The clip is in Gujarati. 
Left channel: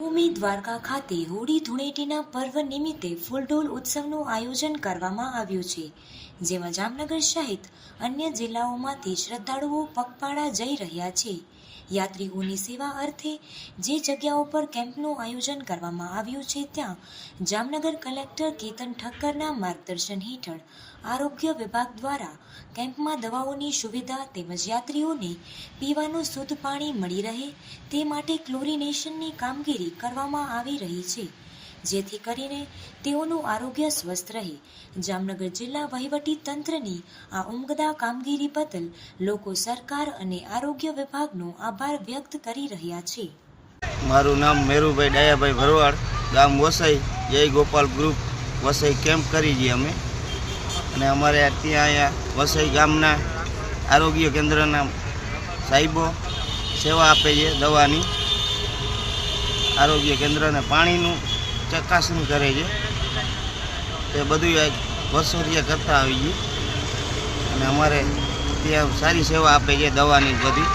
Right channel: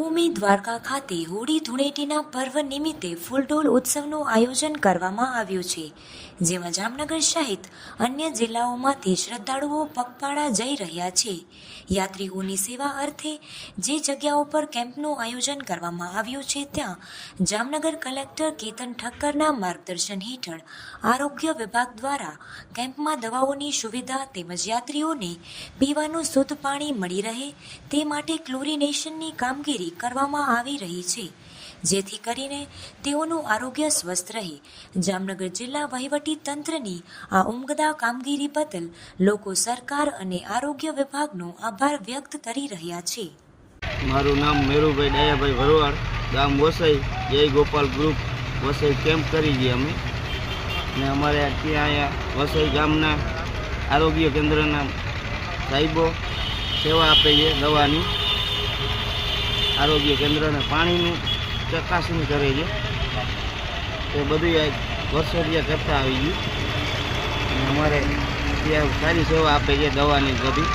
ભૂમિ દ્વારકા ખાતે હોળી ધૂળેટીના પર્વ નિમિત્તે ફૂલડોલ ઉત્સવનું આયોજન કરવામાં આવ્યું છે, જેમાં જામનગર સહિત અન્ય જિલ્લાઓમાંથી શ્રદ્ધાળુઓ પગપાળા જઈ રહ્યા છે. યાત્રીઓની સેવા અર્થે જે જગ્યાઓ પર કેમ્પનું આયોજન કરવામાં આવ્યું છે ત્યાં જામનગર કલેક્ટર કેતન ઠક્કરના માર્ગદર્શન હેઠળ આરોગ્ય વિભાગ દ્વારા કેમ્પમાં દવાઓની સુવિધા તેમજ યાત્રીઓને પીવાનું શુદ્ધ પાણી મળી રહે તે માટે ક્લોરિનેશનની કામગીરી કરવામાં આવી રહી છે, જેથી કરીને તેઓનું આરોગ્ય સ્વસ્થ રહે. જામનગર જિલ્લા વહીવટી તંત્રની આ ઉમદા કામગીરી બદલ લોકો સરકાર અને આરોગ્ય વિભાગનો આભાર વ્યક્ત કરી રહ્યા છે. મારું નામ મેરુભાઈ ડાયાભાઈ ભરવાડ, ગામ વસઈ, જય ગોપાલ ગ્રુપ વસઈ કેમ્પ કરી છીએ અમે. અને અમારે ત્યાં અહીંયા વસઈ ગામના આરોગ્ય કેન્દ્રના સાહેબો સેવા આપે છે, દવાની આરોગ્ય કેન્દ્રને પાણીનું ચકાસણી કરે છે. તે બધું વર્ષોથી કરતા આવી ગયું અને અમારે ત્યાં સારી સેવા આપે છે, દવાની બધી.